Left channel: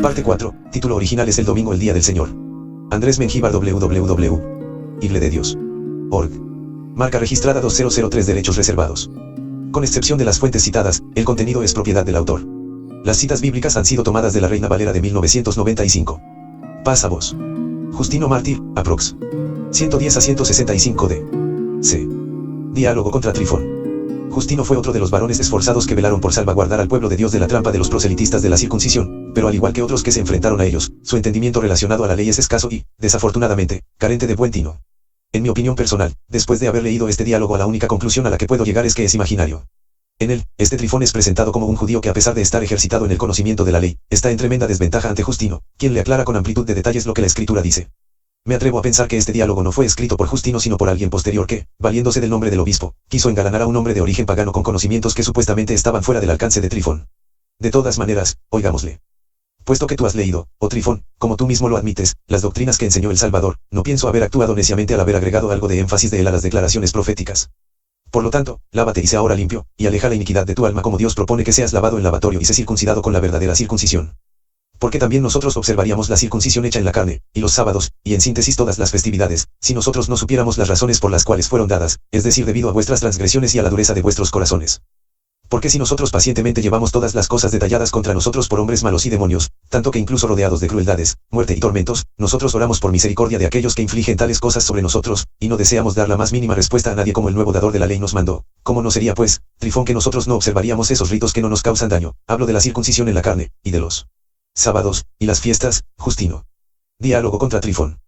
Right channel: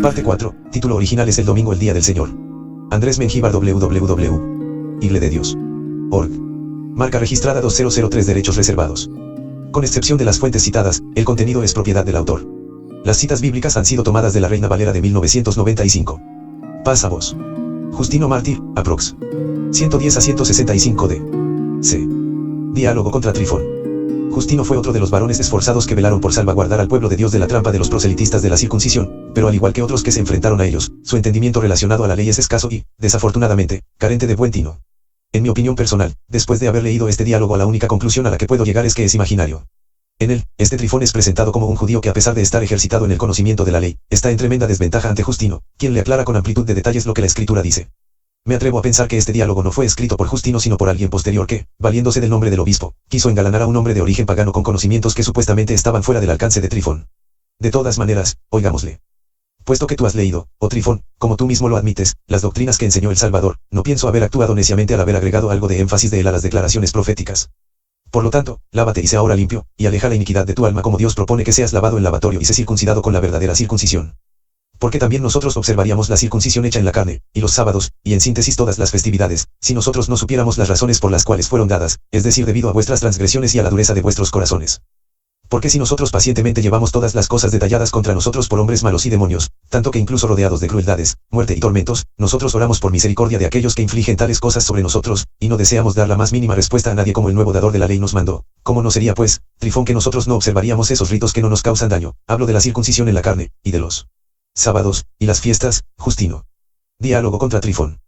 Parte 4, título original es El domingo el día del Señor. Andrés Mengíbar www.igledeDios.org. Marca registrada 2003 derechos reservados. Con excepción de las fuentes citadas, el contenido es propiedad del autor. Las citas bíblicas han sido tomadas de la Reina Valera de 1995. Paz a vos. Justino Mártir, aprox. 110 a 165 d. C. Diálogo contra Trifón. Justino fue otro de los varones esforzados que velaron por salvaguardar al pueblo de Dios de la trampa de los proselitistas de la circuncisión, pero al igual que otros que se enfrentaron a ellos, su entendimiento relacionado a la ley es escaso y, desafortunadamente, carente de buen tino. En mi opinión personal, después de haber leído este diálogo, la única conclusión a la que puedo llegar es que es imaginario. En él, este Trifón es presentado como un judío que, a pesar de estar ejercitado en el conocimiento de la ley, está en tremenda desventaja ante Justino, quien le aclara con amplitud de detalles lo que la Escritura dice. Me atrevo a pensar que este diálogo no fue escrito por Justino sino por alguien posterior que, valiéndose del nombre del obispo, quiso engalanar a un hombre de origen pagano con conocimientos que supuestamente estaban fuera del alcance de Trifón. De todas maneras, oigámosle. Puesto que tú has leído, oh Trifón, como tú mismo lo admites, las doctrinas que enseñó el Salvador, no pienso haber actuado neciamente al haber agregado algo de énfasis de él a las declaraciones proféticas. Por lo tanto, lávate y sea ahora limpio, y aleja la iniquidad de tu alma como Dios propone que seas lavado en lavatorio y sé circuncidado con la verdadera circuncisión. Porque también nosotros observaríamos la circuncisión hecha en la carne, y los sábados, y en síntesis todas las festividades, si nosotros no supiéramos las razones por las cuales fueron dadas, es decir, debido a vuestras transgresiones y a la dureza de vuestros corazones. Porque si nosotros pacientemente llevamos todas las cosas detalladas contra nosotros por hombres malos y demonios, tanto que incluso rodeados de crueldades, muerte y tormentos, nosotros oramos por misericordia de aquellos que infligen tales cosas sobre nosotros, y no deseamos dar la más mínima respuesta a nadie como el nuevo dador de la ley nos mandó, ¿cómo no sería pues, Trifón, que nosotros no observaríamos esos ritos que no nos causan daño? Hablo de la circuncisión en la carne, y de los sábados, y las fiestas, Justino. Diálogo contra Trifón.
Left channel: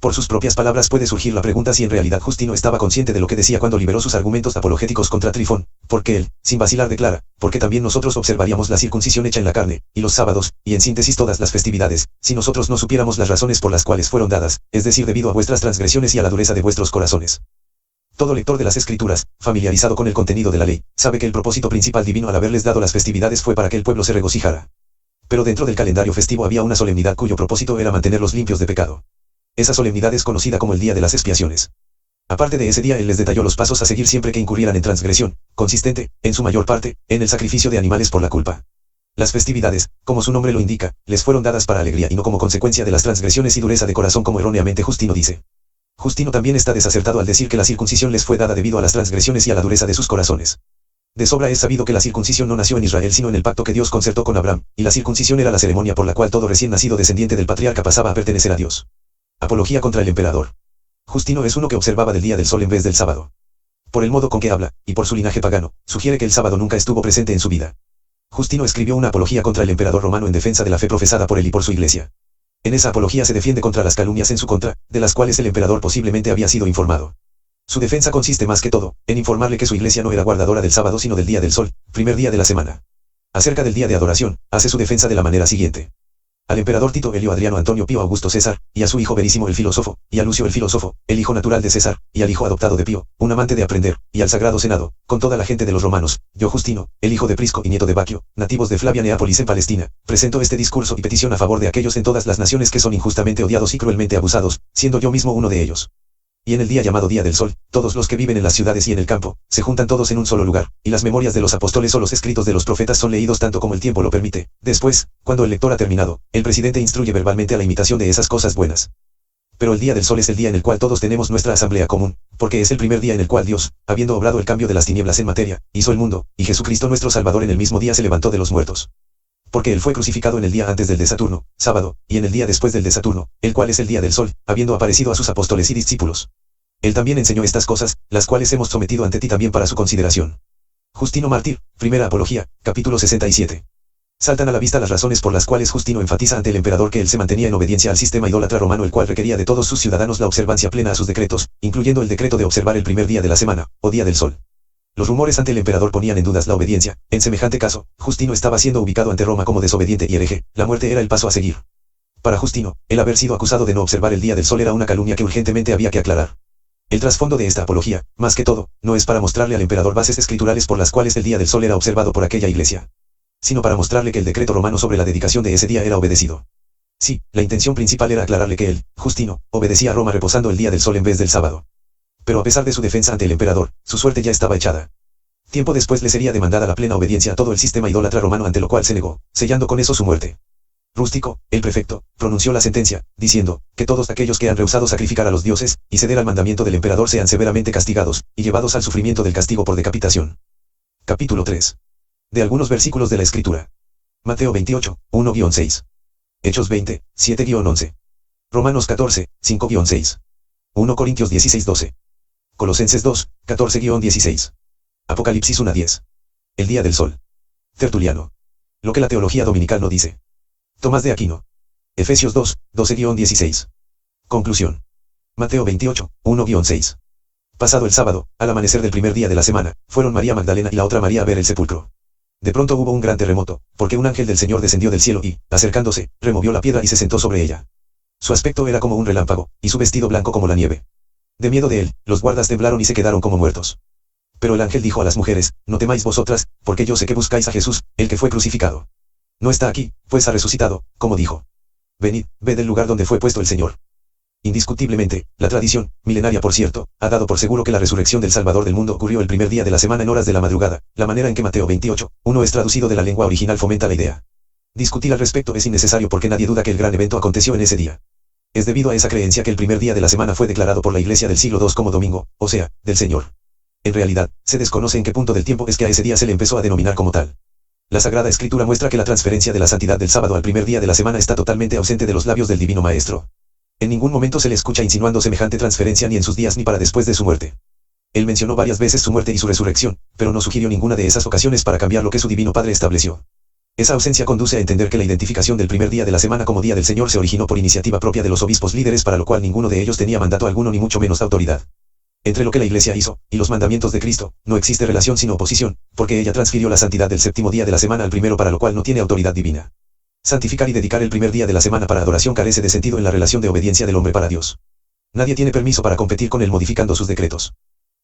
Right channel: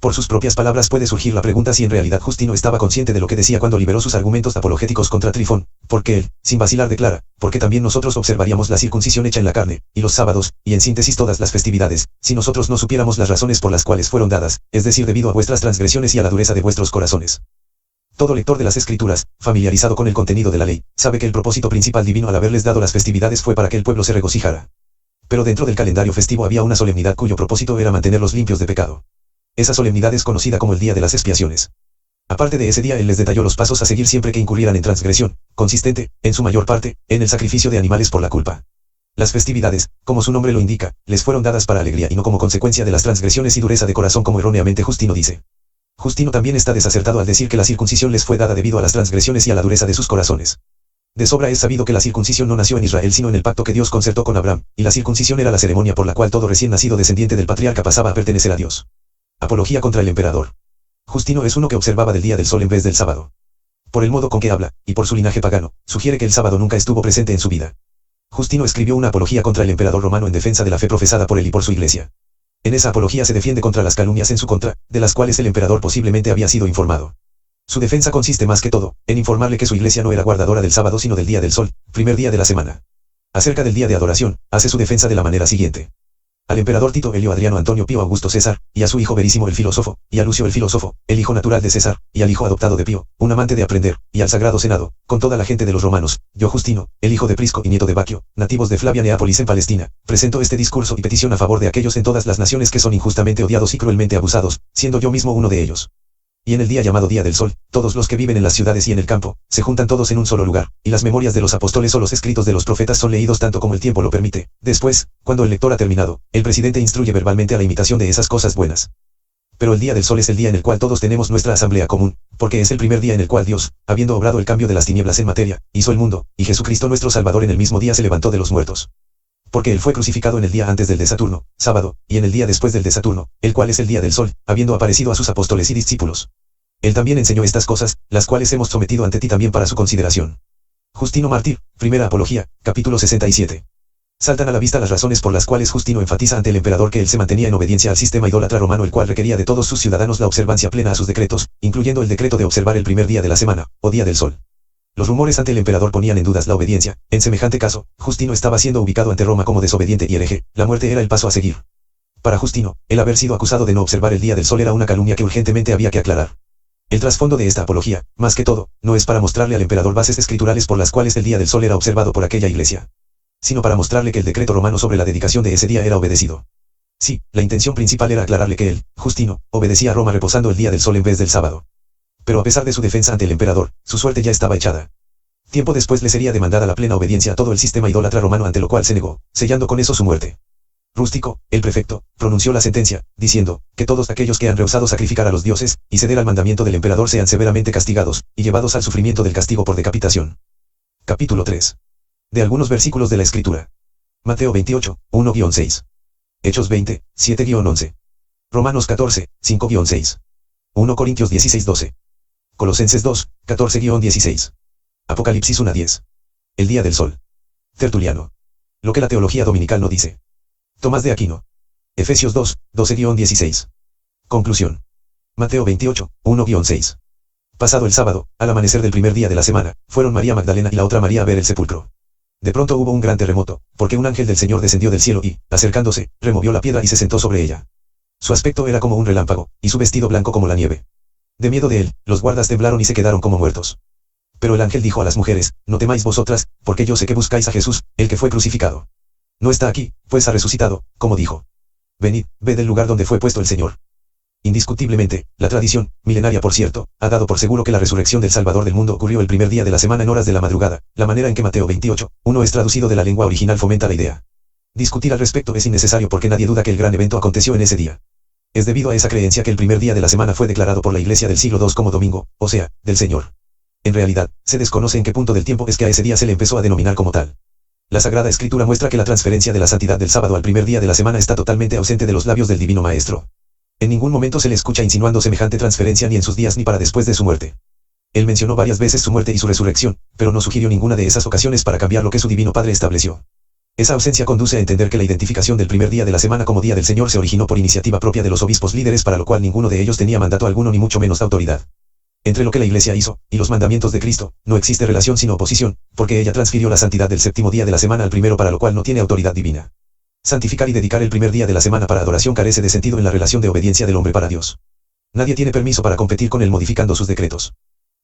Por sus propias palabras puede surgir la pregunta si en realidad Justino estaba consciente de lo que decía cuando liberó sus argumentos apologéticos contra Trifón, porque él, sin vacilar, declara, porque también nosotros observaríamos la circuncisión hecha en la carne, y los sábados, y en síntesis todas las festividades, si nosotros no supiéramos las razones por las cuales fueron dadas, es decir, debido a vuestras transgresiones y a la dureza de vuestros corazones. Todo lector de las Escrituras, familiarizado con el contenido de la ley, sabe que el propósito principal divino al haberles dado las festividades fue para que el pueblo se regocijara. Pero dentro del calendario festivo había una solemnidad cuyo propósito era mantenerlos limpios de pecado. Esa solemnidad es conocida como el Día de las Expiaciones. Aparte de ese día, él les detalló los pasos a seguir siempre que incurrieran en transgresión, consistente, en su mayor parte, en el sacrificio de animales por la culpa. Las festividades, como su nombre lo indica, les fueron dadas para alegría y no como consecuencia de las transgresiones y dureza de corazón como erróneamente Justino dice. Justino también está desacertado al decir que la circuncisión les fue dada debido a las transgresiones y a la dureza de sus corazones. De sobra es sabido que la circuncisión no nació en Israel sino en el pacto que Dios concertó con Abraham, y la circuncisión era la ceremonia por la cual todo recién nacido descendiente del patriarca pasaba a pertenecer a Dios. Apología contra el emperador. Justino es uno que observaba del día del sol en vez del sábado. Por el modo con que habla, y por su linaje pagano, sugiere que el sábado nunca estuvo presente en su vida. Justino escribió una apología contra el emperador romano en defensa de la fe profesada por él y por su iglesia. En esa apología se defiende contra las calumnias en su contra, de las cuales el emperador posiblemente había sido informado. Su defensa consiste más que todo, en informarle que su iglesia no era guardadora del sábado sino del día del sol, primer día de la semana. Acerca del día de adoración, hace su defensa de la manera siguiente. Al emperador Tito Helio Adriano Antonio Pío Augusto César, y a su hijo Verísimo el filósofo, y a Lucio el filósofo, el hijo natural de César, y al hijo adoptado de Pío, un amante de aprender, y al sagrado senado, con toda la gente de los romanos, yo Justino, el hijo de Prisco y nieto de Baquio, nativos de Flavia Neápolis en Palestina, presento este discurso y petición a favor de aquellos en todas las naciones que son injustamente odiados y cruelmente abusados, siendo yo mismo uno de ellos. Y en el día llamado Día del Sol, todos los que viven en las ciudades y en el campo, se juntan todos en un solo lugar, y las memorias de los apóstoles o los escritos de los profetas son leídos tanto como el tiempo lo permite. Después, cuando el lector ha terminado, el presidente instruye verbalmente a la imitación de esas cosas buenas. Pero el Día del Sol es el día en el cual todos tenemos nuestra asamblea común, porque es el primer día en el cual Dios, habiendo obrado el cambio de las tinieblas en materia, hizo el mundo, y Jesucristo nuestro Salvador en el mismo día se levantó de los muertos. Porque él fue crucificado en el día antes del de Saturno, sábado, y en el día después del de Saturno, el cual es el Día del Sol, habiendo aparecido a sus apóstoles y discípulos. Él también enseñó estas cosas, las cuales hemos sometido ante ti también para su consideración. Justino Mártir, Primera Apología, capítulo 67. Saltan a la vista las razones por las cuales Justino enfatiza ante el emperador que él se mantenía en obediencia al sistema idólatra romano, el cual requería de todos sus ciudadanos la observancia plena a sus decretos, incluyendo el decreto de observar el primer día de la semana, o día del sol. Los rumores ante el emperador ponían en dudas la obediencia. En semejante caso, Justino estaba siendo ubicado ante Roma como desobediente y hereje. La muerte era el paso a seguir. Para Justino, el haber sido acusado de no observar el día del sol era una calumnia que urgentemente había que aclarar. El trasfondo de esta apología, más que todo, no es para mostrarle al emperador bases escriturales por las cuales el día del sol era observado por aquella iglesia, sino para mostrarle que el decreto romano sobre la dedicación de ese día era obedecido. Sí, la intención principal era aclararle que él, Justino, obedecía a Roma reposando el día del sol en vez del sábado. Pero a pesar de su defensa ante el emperador, su suerte ya estaba echada. Tiempo después le sería demandada la plena obediencia a todo el sistema idólatra romano, ante lo cual se negó, sellando con eso su muerte. Rústico, el prefecto, pronunció la sentencia, diciendo, que todos aquellos que han rehusado sacrificar a los dioses, y ceder al mandamiento del emperador sean severamente castigados, y llevados al sufrimiento del castigo por decapitación. Capítulo 3. De algunos versículos de la Escritura. Mateo 28, 1-6. Hechos 20, 7-11. Romanos 14, 5-6. 1 Corintios 16, 12. Colosenses 2, 14-16. Apocalipsis 1-10. El día del sol. Tertuliano. Lo que la teología dominical no dice. Tomás de Aquino. Efesios 2, 12-16. Conclusión. Mateo 28, 1-6. Pasado el sábado, al amanecer del primer día de la semana, fueron María Magdalena y la otra María a ver el sepulcro. De pronto hubo un gran terremoto, porque un ángel del Señor descendió del cielo y, acercándose, removió la piedra y se sentó sobre ella. Su aspecto era como un relámpago, y su vestido blanco como la nieve. De miedo de él, los guardas temblaron y se quedaron como muertos. Pero el ángel dijo a las mujeres, no temáis vosotras, porque yo sé que buscáis a Jesús, el que fue crucificado. No está aquí, pues ha resucitado, como dijo. Venid, ved el lugar donde fue puesto el Señor. Indiscutiblemente, la tradición, milenaria por cierto, ha dado por seguro que la resurrección del Salvador del mundo ocurrió el primer día de la semana en horas de la madrugada. La manera en que Mateo 28, 1 es traducido de la lengua original fomenta la idea. Discutir al respecto es innecesario porque nadie duda que el gran evento aconteció en ese día. Es debido a esa creencia que el primer día de la semana fue declarado por la Iglesia del siglo II como domingo, o sea, del Señor. En realidad, se desconoce en qué punto del tiempo es que a ese día se le empezó a denominar como tal. La Sagrada Escritura muestra que la transferencia de la santidad del sábado al primer día de la semana está totalmente ausente de los labios del Divino Maestro. En ningún momento se le escucha insinuando semejante transferencia ni en sus días ni para después de su muerte. Él mencionó varias veces su muerte y su resurrección, pero no sugirió ninguna de esas ocasiones para cambiar lo que su Divino Padre estableció. Esa ausencia conduce a entender que la identificación del primer día de la semana como Día del Señor se originó por iniciativa propia de los obispos líderes, para lo cual ninguno de ellos tenía mandato alguno ni mucho menos autoridad. Entre lo que la Iglesia hizo, y los mandamientos de Cristo, no existe relación sino oposición, porque ella transfirió la santidad del séptimo día de la semana al primero, para lo cual no tiene autoridad divina. Santificar y dedicar el primer día de la semana para adoración carece de sentido en la relación de obediencia del hombre para Dios. Nadie tiene permiso para competir con él modificando sus decretos.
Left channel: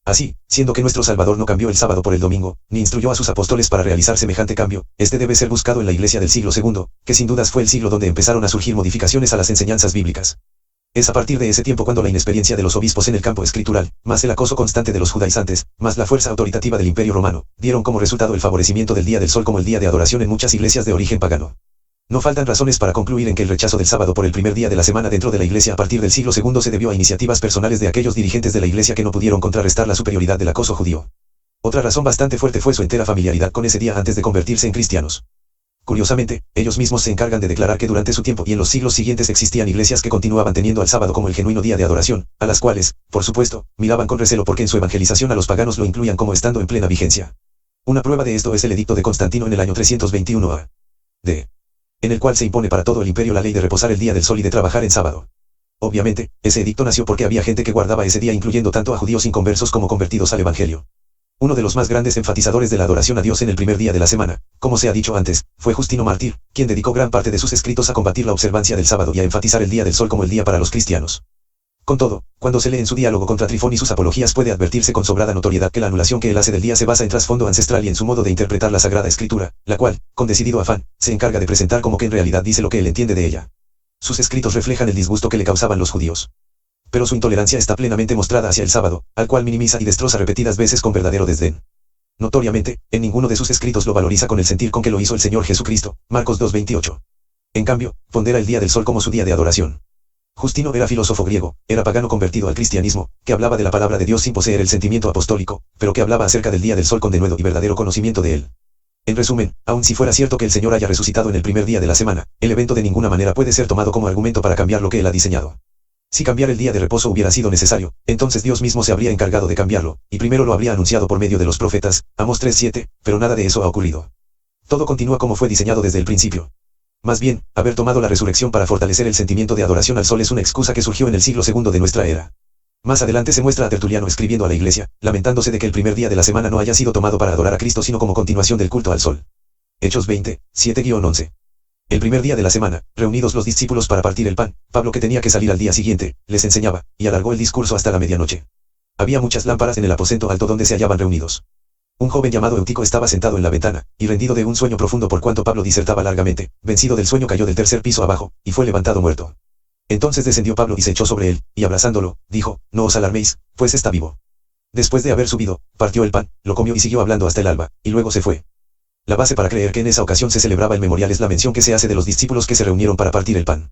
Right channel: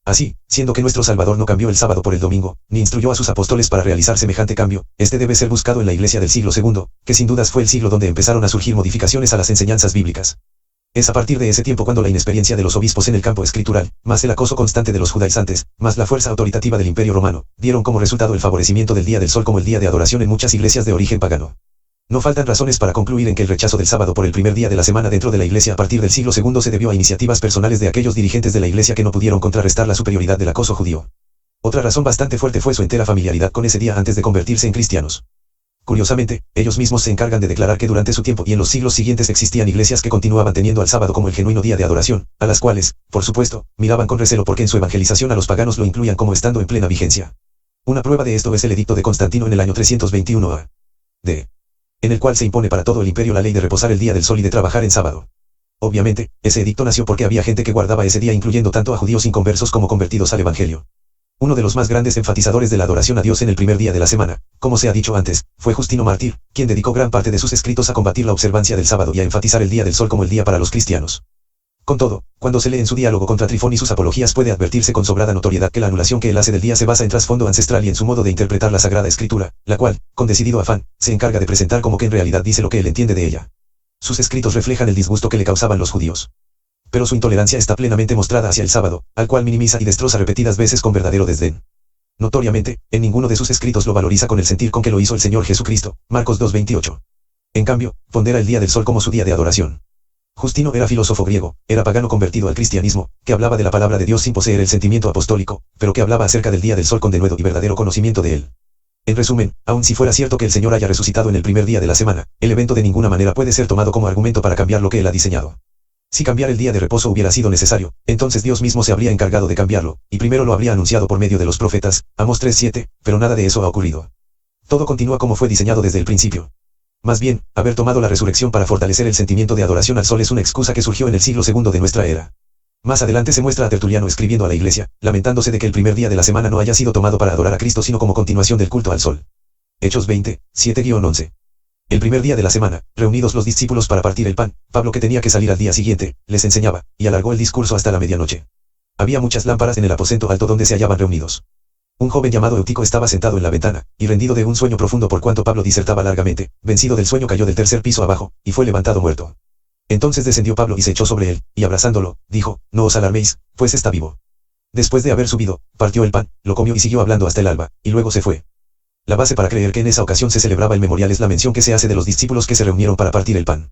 Así, siendo que nuestro Salvador no cambió el sábado por el domingo, ni instruyó a sus apóstoles para realizar semejante cambio, este debe ser buscado en la Iglesia del siglo II, que sin dudas fue el siglo donde empezaron a surgir modificaciones a las enseñanzas bíblicas. Es a partir de ese tiempo cuando la inexperiencia de los obispos en el campo escritural, más el acoso constante de los judaizantes, más la fuerza autoritativa del Imperio Romano, dieron como resultado el favorecimiento del Día del Sol como el día de adoración en muchas iglesias de origen pagano. No faltan razones para concluir en que el rechazo del sábado por el primer día de la semana dentro de la Iglesia a partir del siglo II se debió a iniciativas personales de aquellos dirigentes de la Iglesia que no pudieron contrarrestar la superioridad del acoso judío. Otra razón bastante fuerte fue su entera familiaridad con ese día antes de convertirse en cristianos. Curiosamente, ellos mismos se encargan de declarar que durante su tiempo y en los siglos siguientes existían iglesias que continuaban teniendo al sábado como el genuino día de adoración, a las cuales, por supuesto, miraban con recelo porque en su evangelización a los paganos lo incluían como estando en plena vigencia. Una prueba de esto es el edicto de Constantino en el año 321 a.D., en el cual se impone para todo el imperio la ley de reposar el día del sol y de trabajar en sábado. Obviamente, ese edicto nació porque había gente que guardaba ese día, incluyendo tanto a judíos inconversos como convertidos al evangelio. Uno de los más grandes enfatizadores de la adoración a Dios en el primer día de la semana, como se ha dicho antes, fue Justino Mártir, quien dedicó gran parte de sus escritos a combatir la observancia del sábado y a enfatizar el día del sol como el día para los cristianos. Con todo, cuando se lee en su diálogo contra Trifón y sus apologías puede advertirse con sobrada notoriedad que la anulación que él hace del día se basa en trasfondo ancestral y en su modo de interpretar la Sagrada Escritura, la cual, con decidido afán, se encarga de presentar como que en realidad dice lo que él entiende de ella. Sus escritos reflejan el disgusto que le causaban los judíos. Pero su intolerancia está plenamente mostrada hacia el sábado, al cual minimiza y destroza repetidas veces con verdadero desdén. Notoriamente, en ninguno de sus escritos lo valoriza con el sentir con que lo hizo el Señor Jesucristo, Marcos 2:28. En cambio, pondera el día del sol como su día de adoración. Justino era filósofo griego, era pagano convertido al cristianismo, que hablaba de la palabra de Dios sin poseer el sentimiento apostólico, pero que hablaba acerca del día del sol con denuedo y verdadero conocimiento de él. En resumen, aun si fuera cierto que el Señor haya resucitado en el primer día de la semana, el evento de ninguna manera puede ser tomado como argumento para cambiar lo que él ha diseñado. Si cambiar el día de reposo hubiera sido necesario, entonces Dios mismo se habría encargado de cambiarlo, y primero lo habría anunciado por medio de los profetas, Amós 3:7, pero nada de eso ha ocurrido. Todo continúa como fue diseñado desde el principio. Más bien, haber tomado la resurrección para fortalecer el sentimiento de adoración al sol es una excusa que surgió en el siglo II de nuestra era. Más adelante se muestra a Tertuliano escribiendo a la Iglesia, lamentándose de que el primer día de la semana no haya sido tomado para adorar a Cristo sino como continuación del culto al sol. Hechos 20, 7-11. El primer día de la semana, reunidos los discípulos para partir el pan, Pablo, que tenía que salir al día siguiente, les enseñaba, y alargó el discurso hasta la medianoche. Había muchas lámparas en el aposento alto donde se hallaban reunidos. Un joven llamado Eutico estaba sentado en la ventana, y rendido de un sueño profundo por cuanto Pablo disertaba largamente, vencido del sueño cayó del tercer piso abajo, y fue levantado muerto. Entonces descendió Pablo y se echó sobre él, y abrazándolo, dijo, no os alarméis, pues está vivo. Después de haber subido, partió el pan, lo comió y siguió hablando hasta el alba, y luego se fue. La base para creer que en esa ocasión se celebraba el memorial es la mención que se hace de los discípulos que se reunieron para partir el pan.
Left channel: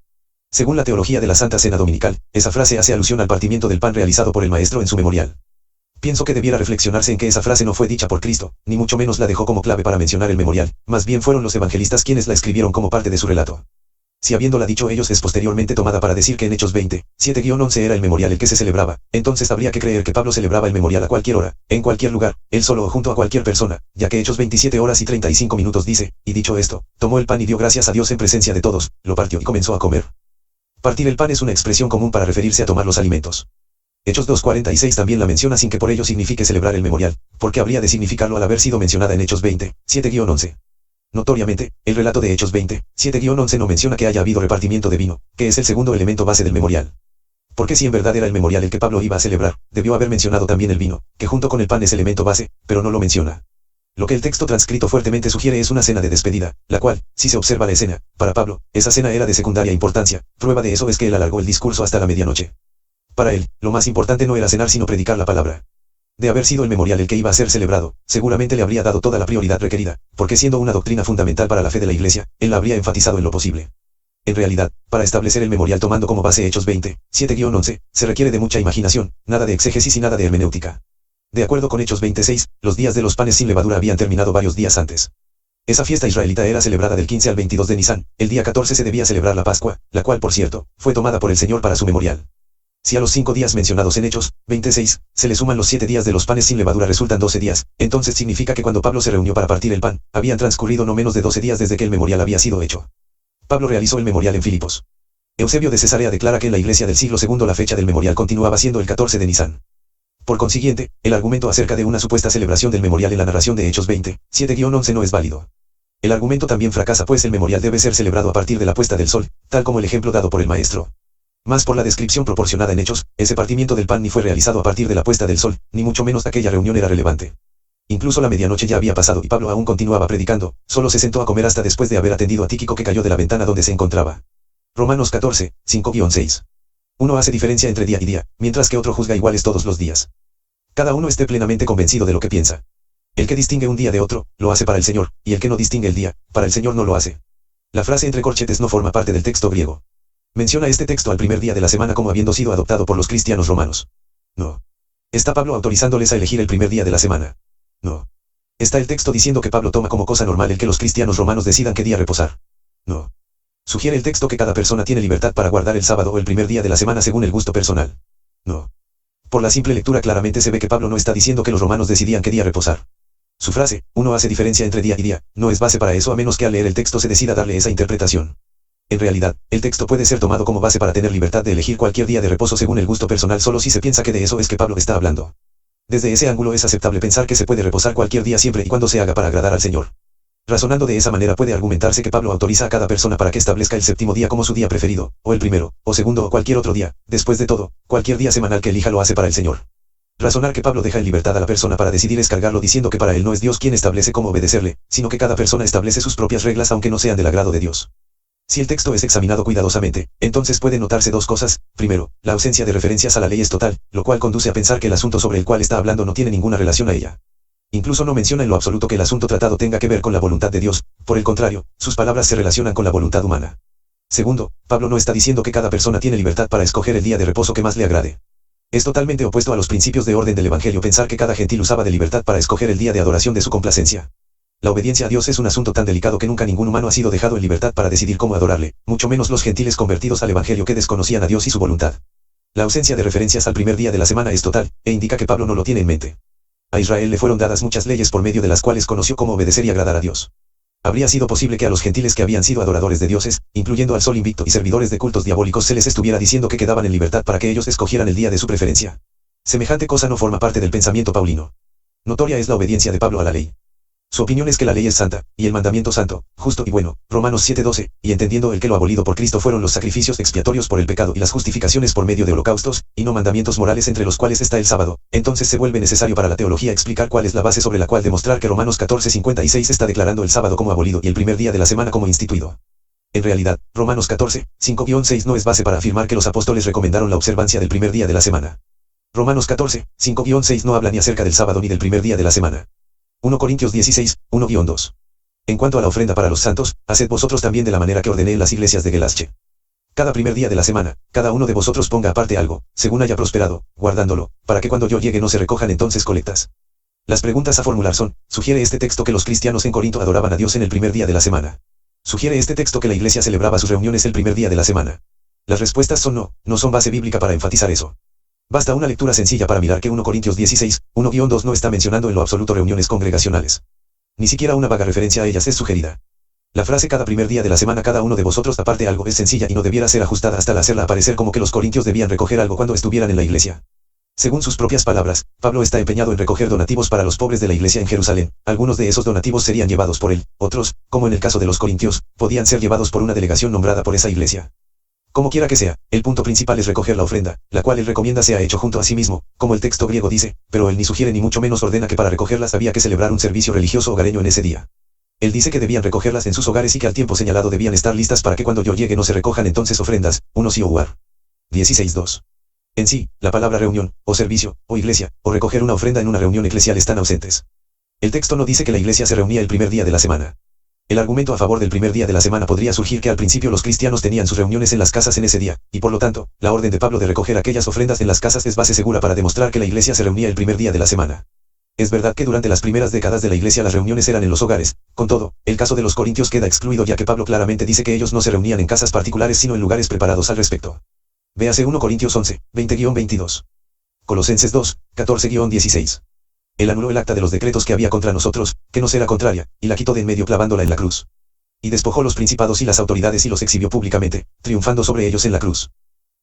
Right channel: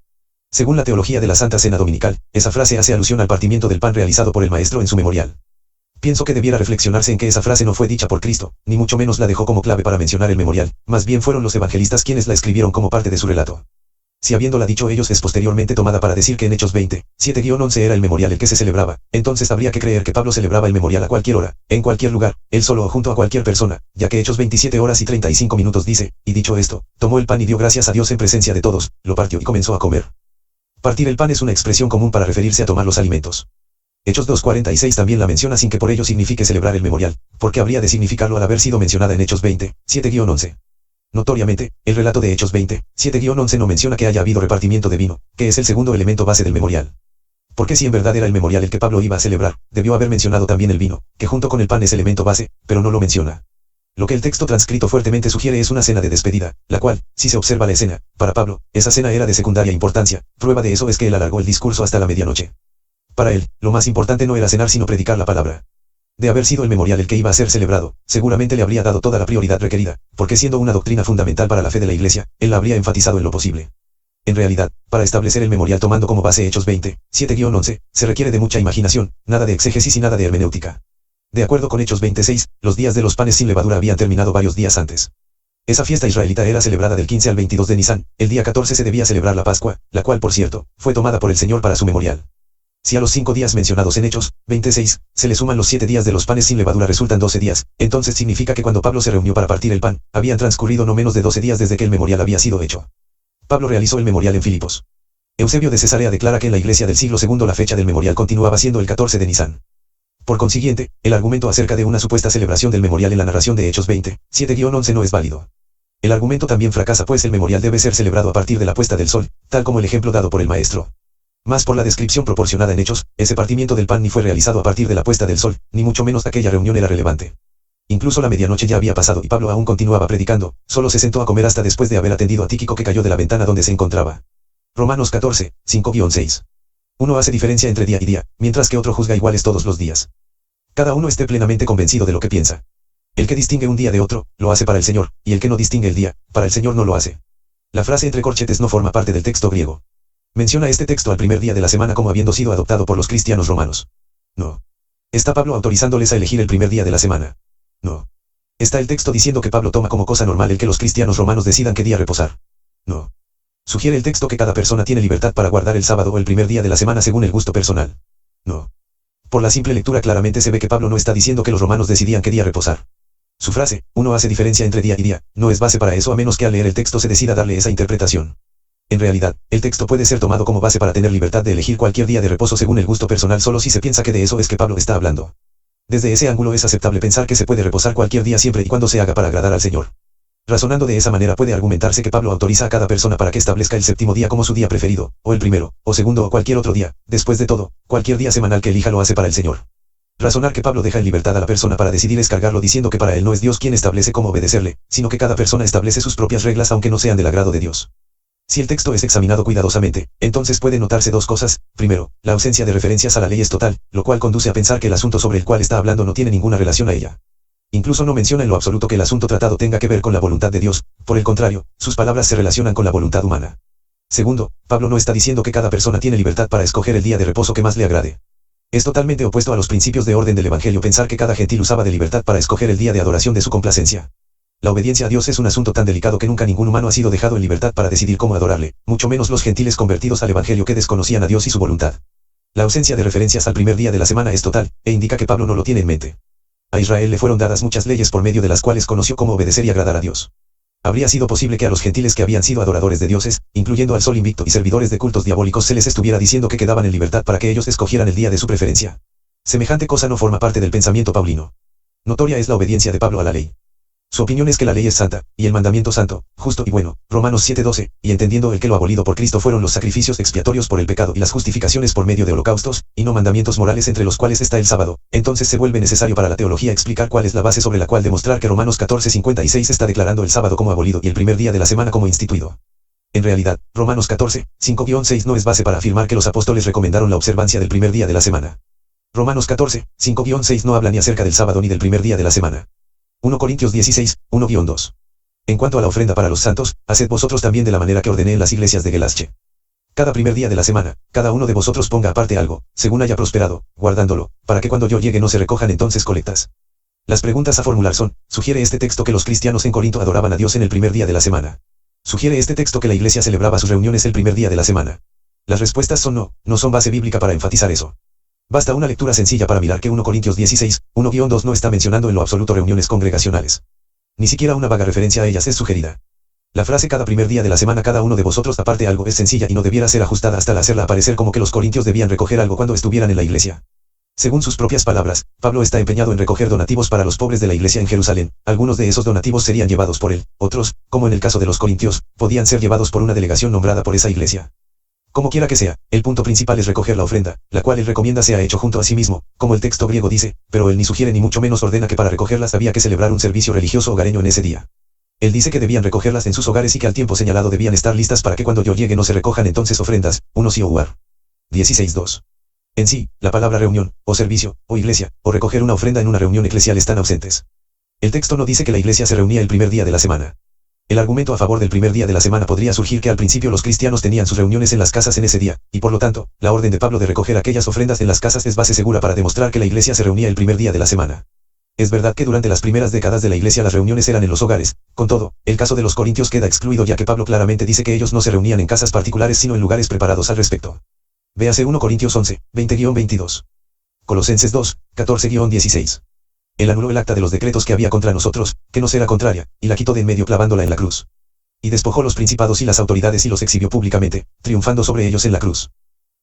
Según la teología de la Santa Cena Dominical, esa frase hace alusión al partimiento del pan realizado por el Maestro en su memorial. Pienso que debiera reflexionarse en que esa frase no fue dicha por Cristo, ni mucho menos la dejó como clave para mencionar el memorial, más bien fueron los evangelistas quienes la escribieron como parte de su relato. Si habiéndola dicho ellos es posteriormente tomada para decir que en Hechos 20, 7-11 era el memorial el que se celebraba, entonces habría que creer que Pablo celebraba el memorial a cualquier hora, en cualquier lugar, él solo o junto a cualquier persona, ya que Hechos 27 horas y 35 minutos dice, y dicho esto, tomó el pan y dio gracias a Dios en presencia de todos, lo partió y comenzó a comer. Partir el pan es una expresión común para referirse a tomar los alimentos. Hechos 2:46 también la menciona sin que por ello signifique celebrar el memorial, porque habría de significarlo al haber sido mencionada en Hechos 20, 7-11. Notoriamente, el relato de Hechos 20, 7-11 no menciona que haya habido repartimiento de vino, que es el segundo elemento base del memorial. Porque si en verdad era el memorial el que Pablo iba a celebrar, debió haber mencionado también el vino, que junto con el pan es elemento base, pero no lo menciona. Lo que el texto transcrito fuertemente sugiere es una cena de despedida, la cual, si se observa la escena, para Pablo, esa cena era de secundaria importancia, prueba de eso es que él alargó el discurso hasta la medianoche. Para él, lo más importante no era cenar sino predicar la palabra. De haber sido el memorial el que iba a ser celebrado, seguramente le habría dado toda la prioridad requerida, porque siendo una doctrina fundamental para la fe de la Iglesia, él la habría enfatizado en lo posible. En realidad, para establecer el memorial tomando como base Hechos 20, 7-11, se requiere de mucha imaginación, nada de exégesis y nada de hermenéutica. De acuerdo con Hechos 26, los días de los panes sin levadura habían terminado varios días antes. Esa fiesta israelita era celebrada del 15 al 22 de Nisan, el día 14 se debía celebrar la Pascua, la cual por cierto, fue tomada por el Señor para su memorial. Si a los 5 días mencionados en Hechos 26, se le suman los 7 días de los panes sin levadura resultan 12 días, entonces significa que cuando Pablo se reunió para partir el pan, habían transcurrido no menos de 12 días desde que el memorial había sido hecho. Pablo realizó el memorial en Filipos. Eusebio de Cesarea declara que en la iglesia del siglo II la fecha del memorial continuaba siendo el 14 de Nisan. Por consiguiente, el argumento acerca de una supuesta celebración del memorial en la narración de Hechos 20, 7-11 no es válido. El argumento también fracasa pues el memorial debe ser celebrado a partir de la puesta del sol, tal como el ejemplo dado por el maestro. Más por la descripción proporcionada en Hechos, ese partimiento del pan ni fue realizado a partir de la puesta del sol, ni mucho menos aquella reunión era relevante. Incluso la medianoche ya había pasado y Pablo aún continuaba predicando, solo se sentó a comer hasta después de haber atendido a Tíquico que cayó de la ventana donde se encontraba. Romanos 14, 5-6. Uno hace diferencia entre día y día, mientras que otro juzga iguales todos los días. Cada uno esté plenamente convencido de lo que piensa. El que distingue un día de otro, lo hace para el Señor, y el que no distingue el día, para el Señor no lo hace. La frase entre corchetes no forma parte del texto griego. Menciona este texto al primer día de la semana como habiendo sido adoptado por los cristianos romanos. No. ¿Está Pablo autorizándoles a elegir el primer día de la semana? No. ¿Está el texto diciendo que Pablo toma como cosa normal el que los cristianos romanos decidan qué día reposar? No. ¿Sugiere el texto que cada persona tiene libertad para guardar el sábado o el primer día de la semana según el gusto personal? No. Por la simple lectura claramente se ve que Pablo no está diciendo que los romanos decidían qué día reposar. Su frase, uno hace diferencia entre día y día, no es base para eso a menos que al leer el texto se decida darle esa interpretación. En realidad, el texto puede ser tomado como base para tener libertad de elegir cualquier día de reposo según el gusto personal solo si se piensa que de eso es que Pablo está hablando. Desde ese ángulo es aceptable pensar que se puede reposar cualquier día siempre y cuando se haga para agradar al Señor. Razonando de esa manera puede argumentarse que Pablo autoriza a cada persona para que establezca el séptimo día como su día preferido, o el primero, o segundo o cualquier otro día. Después de todo, cualquier día semanal que elija lo hace para el Señor. Razonar que Pablo deja en libertad a la persona para decidir es cargarlo diciendo que para él no es Dios quien establece cómo obedecerle, sino que cada persona establece sus propias reglas aunque no sean del agrado de Dios. Si el texto es examinado cuidadosamente, entonces pueden notarse dos cosas. Primero, la ausencia de referencias a la ley es total, lo cual conduce a pensar que el asunto sobre el cual está hablando no tiene ninguna relación a ella. Incluso no menciona en lo absoluto que el asunto tratado tenga que ver con la voluntad de Dios, por el contrario, sus palabras se relacionan con la voluntad humana. Segundo, Pablo no está diciendo que cada persona tiene libertad para escoger el día de reposo que más le agrade. Es totalmente opuesto a los principios de orden del Evangelio pensar que cada gentil usaba de libertad para escoger el día de adoración de su complacencia. La obediencia a Dios es un asunto tan delicado que nunca ningún humano ha sido dejado en libertad para decidir cómo adorarle, mucho menos los gentiles convertidos al Evangelio que desconocían a Dios y su voluntad. La ausencia de referencias al primer día de la semana es total, e indica que Pablo no lo tiene en mente. A Israel le fueron dadas muchas leyes por medio de las cuales conoció cómo obedecer y agradar a Dios. Habría sido posible que a los gentiles que habían sido adoradores de dioses, incluyendo al sol invicto y servidores de cultos diabólicos se les estuviera diciendo que quedaban en libertad para que ellos escogieran el día de su preferencia. Semejante cosa no forma parte del pensamiento paulino. Notoria es la obediencia de Pablo a la ley. Su opinión es que la ley es santa, y el mandamiento santo, justo y bueno, Romanos 7:12, y entendiendo el que lo abolido por Cristo fueron los sacrificios expiatorios por el pecado y las justificaciones por medio de holocaustos, y no mandamientos morales entre los cuales está el sábado, entonces se vuelve necesario para la teología explicar cuál es la base sobre la cual demostrar que Romanos 14:56 está declarando el sábado como abolido y el primer día de la semana como instituido. En realidad, Romanos 14, 5-6 no es base para afirmar que los apóstoles recomendaron la observancia del primer día de la semana. Romanos 14, 5-6 no habla ni acerca del sábado ni del primer día de la semana. 1 Corintios 16, 1-2. En cuanto a la ofrenda para los santos, haced vosotros también de la manera que ordené en las iglesias de Galacia. Cada primer día de la semana, cada uno de vosotros ponga aparte algo, según haya prosperado, guardándolo, para que cuando yo llegue no se recojan entonces colectas. Las preguntas a formular son, ¿sugiere este texto que los cristianos en Corinto adoraban a Dios en el primer día de la semana? ¿Sugiere este texto que la iglesia celebraba sus reuniones el primer día de la semana? Las respuestas son no, no son base bíblica para enfatizar eso. Basta una lectura sencilla para mirar que 1 Corintios 16, 1-2 no está mencionando en lo absoluto reuniones congregacionales. Ni siquiera una vaga referencia a ellas es sugerida. La frase cada primer día de la semana cada uno de vosotros aparte algo es sencilla y no debiera ser ajustada hasta hacerla aparecer como que los corintios debían recoger algo cuando estuvieran en la iglesia. Según sus propias palabras, Pablo está empeñado en recoger donativos para los pobres de la iglesia en Jerusalén. Algunos de esos donativos serían llevados por él, otros, como en el caso de los corintios, podían ser llevados por una delegación nombrada por esa iglesia. Como quiera que sea, el punto principal es recoger la ofrenda, la cual él recomienda sea hecho junto a sí mismo, como el texto griego dice, pero él ni sugiere ni mucho menos ordena que para recogerlas había que celebrar un servicio religioso hogareño en ese día. Él dice que debían recogerlas en sus hogares y que al tiempo señalado debían estar listas para que cuando yo llegue no se recojan entonces ofrendas, 1 Sioar. 16:2. En sí, la palabra reunión, o servicio, o iglesia, o recoger una ofrenda en una reunión eclesial están ausentes. El texto no dice que la iglesia se reunía el primer día de la semana. El argumento a favor del primer día de la semana podría surgir que al principio los cristianos tenían sus reuniones en las casas en ese día, y por lo tanto, la orden de Pablo de recoger aquellas ofrendas en las casas es base segura para demostrar que la iglesia se reunía el primer día de la semana. Es verdad que durante las primeras décadas de la iglesia las reuniones eran en los hogares, con todo, el caso de los corintios queda excluido ya que Pablo claramente dice que ellos no se reunían en casas particulares sino en lugares preparados al respecto. Véase 1 Corintios 11, 20-22. Colosenses 2, 14-16. Él anuló el acta de los decretos que había contra nosotros, que nos era contraria, y la quitó de en medio clavándola en la cruz. Y despojó los principados y las autoridades y los exhibió públicamente, triunfando sobre ellos en la cruz.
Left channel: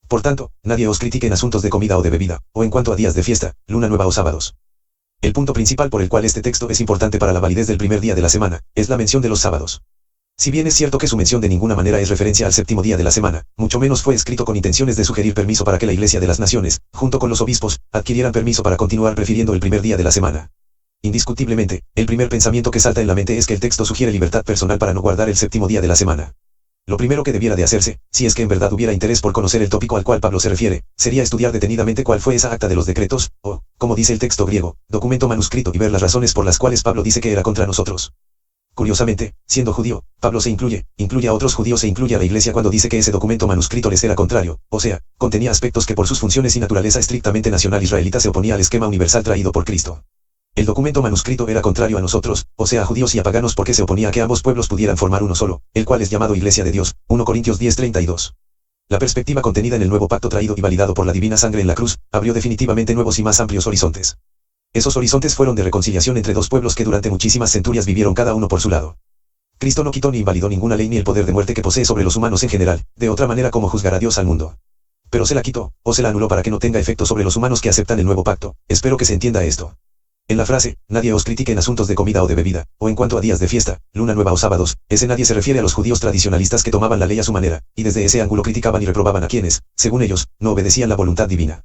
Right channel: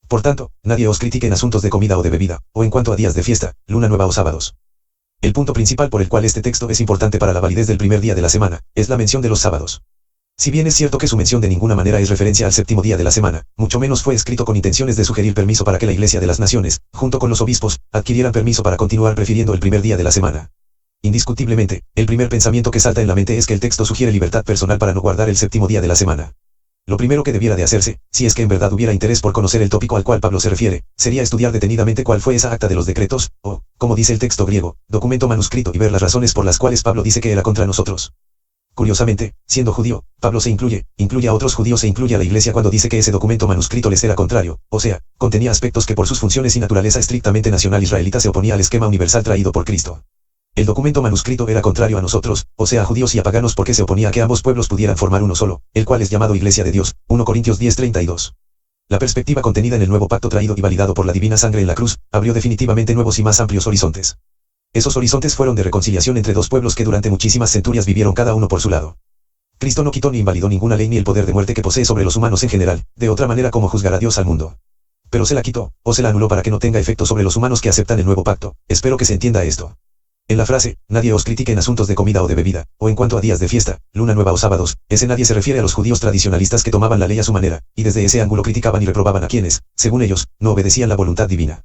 Por tanto, nadie os critique en asuntos de comida o de bebida, o en cuanto a días de fiesta, luna nueva o sábados. El punto principal por el cual este texto es importante para la validez del primer día de la semana, es la mención de los sábados. Si bien es cierto que su mención de ninguna manera es referencia al séptimo día de la semana, mucho menos fue escrito con intenciones de sugerir permiso para que la Iglesia de las Naciones, junto con los obispos, adquirieran permiso para continuar prefiriendo el primer día de la semana. Indiscutiblemente, el primer pensamiento que salta en la mente es que el texto sugiere libertad personal para no guardar el séptimo día de la semana. Lo primero que debiera de hacerse, si es que en verdad hubiera interés por conocer el tópico al cual Pablo se refiere, sería estudiar detenidamente cuál fue esa acta de los decretos, o, como dice el texto griego, documento manuscrito y ver las razones por las cuales Pablo dice que era contra nosotros. Curiosamente, siendo judío, Pablo se incluye a otros judíos e incluye a la iglesia cuando dice que ese documento manuscrito les era contrario, o sea, contenía aspectos que por sus funciones y naturaleza estrictamente nacional israelita se oponía al esquema universal traído por Cristo. El documento manuscrito era contrario a nosotros, o sea a judíos y a paganos porque se oponía a que ambos pueblos pudieran formar uno solo, el cual es llamado Iglesia de Dios, 1 Corintios 10:32. La perspectiva contenida en el nuevo pacto traído y validado por la divina sangre en la cruz, abrió definitivamente nuevos y más amplios horizontes. Esos horizontes fueron de reconciliación entre dos pueblos que durante muchísimas centurias vivieron cada uno por su lado. Cristo no quitó ni invalidó ninguna ley ni el poder de muerte que posee sobre los humanos en general, de otra manera como juzgará Dios al mundo. Pero se la quitó, o se la anuló para que no tenga efecto sobre los humanos que aceptan el nuevo pacto, espero que se entienda esto. En la frase, nadie os critique en asuntos de comida o de bebida, o en cuanto a días de fiesta, luna nueva o sábados, ese nadie se refiere a los judíos tradicionalistas que tomaban la ley a su manera, y desde ese ángulo criticaban y reprobaban a quienes, según ellos, no obedecían la voluntad divina.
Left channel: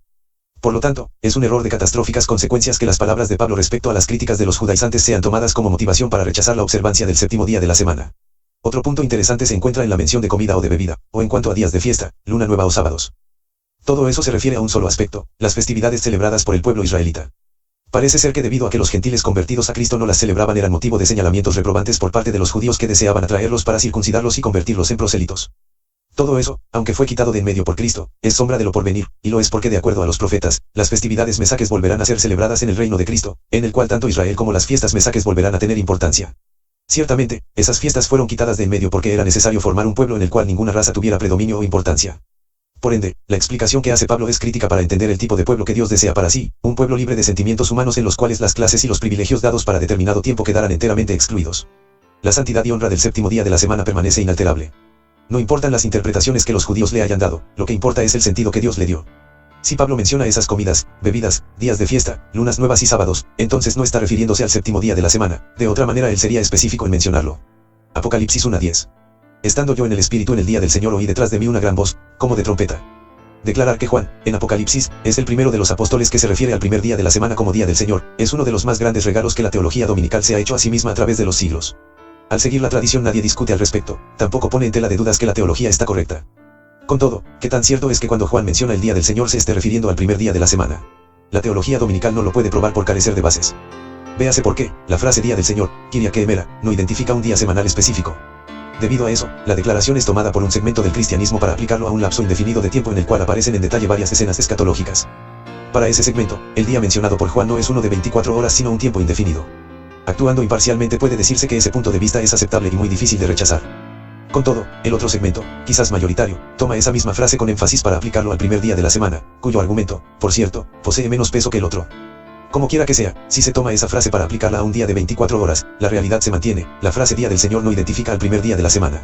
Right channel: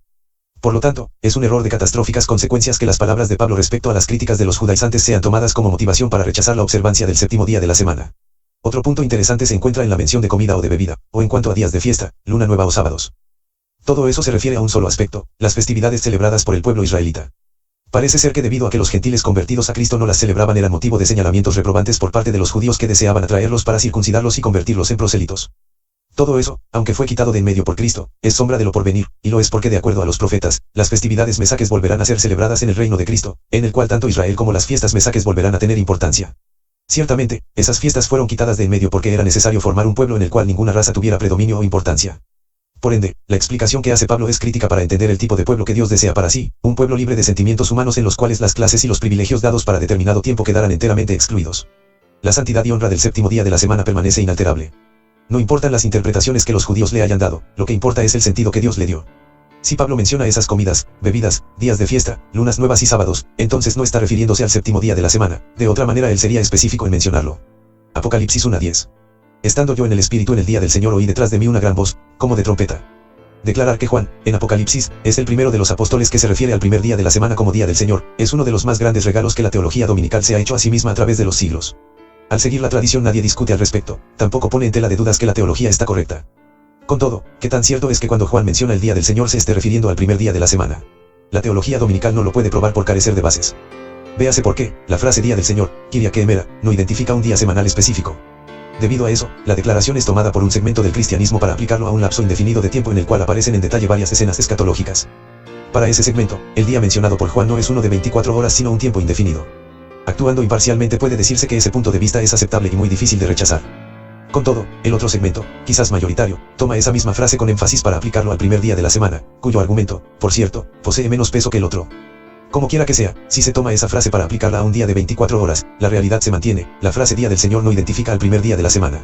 Por lo tanto, es un error de catastróficas consecuencias que las palabras de Pablo respecto a las críticas de los judaizantes sean tomadas como motivación para rechazar la observancia del séptimo día de la semana. Otro punto interesante se encuentra en la mención de comida o de bebida, o en cuanto a días de fiesta, luna nueva o sábados. Todo eso se refiere a un solo aspecto, las festividades celebradas por el pueblo israelita. Parece ser que debido a que los gentiles convertidos a Cristo no las celebraban eran motivo de señalamientos reprobantes por parte de los judíos que deseaban atraerlos para circuncidarlos y convertirlos en prosélitos. Todo eso, aunque fue quitado de en medio por Cristo, es sombra de lo porvenir, y lo es porque de acuerdo a los profetas, las festividades mesaques volverán a ser celebradas en el reino de Cristo, en el cual tanto Israel como las fiestas mesaques volverán a tener importancia. Ciertamente, esas fiestas fueron quitadas de en medio porque era necesario formar un pueblo en el cual ninguna raza tuviera predominio o importancia. Por ende, la explicación que hace Pablo es crítica para entender el tipo de pueblo que Dios desea para sí, un pueblo libre de sentimientos humanos en los cuales las clases y los privilegios dados para determinado tiempo quedaran enteramente excluidos. La santidad y honra del séptimo día de la semana permanece inalterable. No importan las interpretaciones que los judíos le hayan dado, lo que importa es el sentido que Dios le dio. Si Pablo menciona esas comidas, bebidas, días de fiesta, lunas nuevas y sábados, entonces no está refiriéndose al séptimo día de la semana, de otra manera él sería específico en mencionarlo. Apocalipsis 1:10. Estando yo en el Espíritu en el día del Señor oí detrás de mí una gran voz, como de trompeta. Declarar que Juan, en Apocalipsis, es el primero de los apóstoles que se refiere al primer día de la semana como día del Señor, es uno de los más grandes regalos que la teología dominical se ha hecho a sí misma a través de los siglos. Al seguir la tradición nadie discute al respecto, tampoco pone en tela de dudas que la teología está correcta. Con todo, ¿qué tan cierto es que cuando Juan menciona el día del Señor se esté refiriendo al primer día de la semana? la teología dominical no lo puede probar por carecer de bases. Véase por qué, la frase Día del Señor, Kyriake Emera, no identifica un día semanal específico. Debido a eso, la declaración es tomada por un segmento del cristianismo para aplicarlo a un lapso indefinido de tiempo en el cual aparecen en detalle varias escenas escatológicas. Para ese segmento, el día mencionado por Juan no es uno de 24 horas sino un tiempo indefinido. Actuando imparcialmente puede decirse que ese punto de vista es aceptable y muy difícil de rechazar. Con todo, el otro segmento, quizás mayoritario, toma esa misma frase con énfasis para aplicarlo al primer día de la semana, cuyo argumento, por cierto, posee menos peso que el otro. Como quiera que sea, si se toma esa frase para aplicarla a un día de 24 horas, la realidad se mantiene, la frase Día del Señor no identifica al primer día de la semana.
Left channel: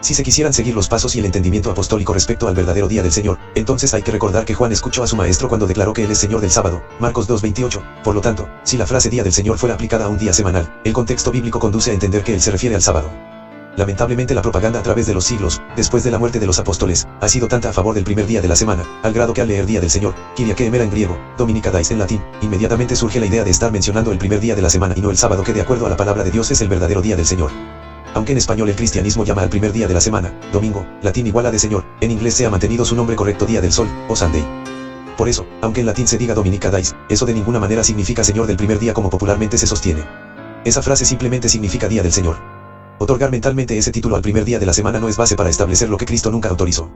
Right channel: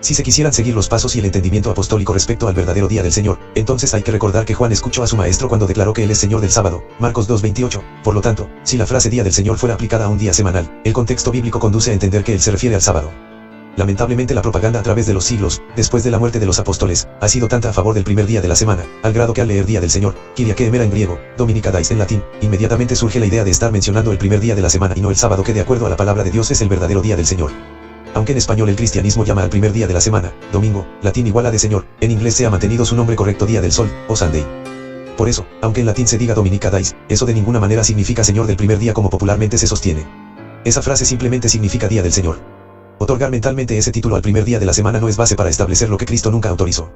Si se quisieran seguir los pasos y el entendimiento apostólico respecto al verdadero Día del Señor, entonces hay que recordar que Juan escuchó a su maestro cuando declaró que él es Señor del sábado, Marcos 2:28, por lo tanto, si la frase Día del Señor fuera aplicada a un día semanal, el contexto bíblico conduce a entender que él se refiere al sábado. Lamentablemente la propaganda a través de los siglos, después de la muerte de los apóstoles, ha sido tanta a favor del primer día de la semana, al grado que al leer Día del Señor, Kyriake Emera en griego, Dominica Dais en latín, inmediatamente surge la idea de estar mencionando el primer día de la semana y no el sábado que de acuerdo a la palabra de Dios es el verdadero Día del Señor. Aunque en español el cristianismo llama al primer día de la semana, domingo, latín igual a de Señor, en inglés se ha mantenido su nombre correcto Día del Sol, o Sunday. Por eso, aunque en latín se diga Dominica Dais, eso de ninguna manera significa Señor del primer día como popularmente se sostiene. Esa frase simplemente significa Día del Señor. Otorgar mentalmente ese título al primer día de la semana no es base para establecer lo que Cristo nunca autorizó.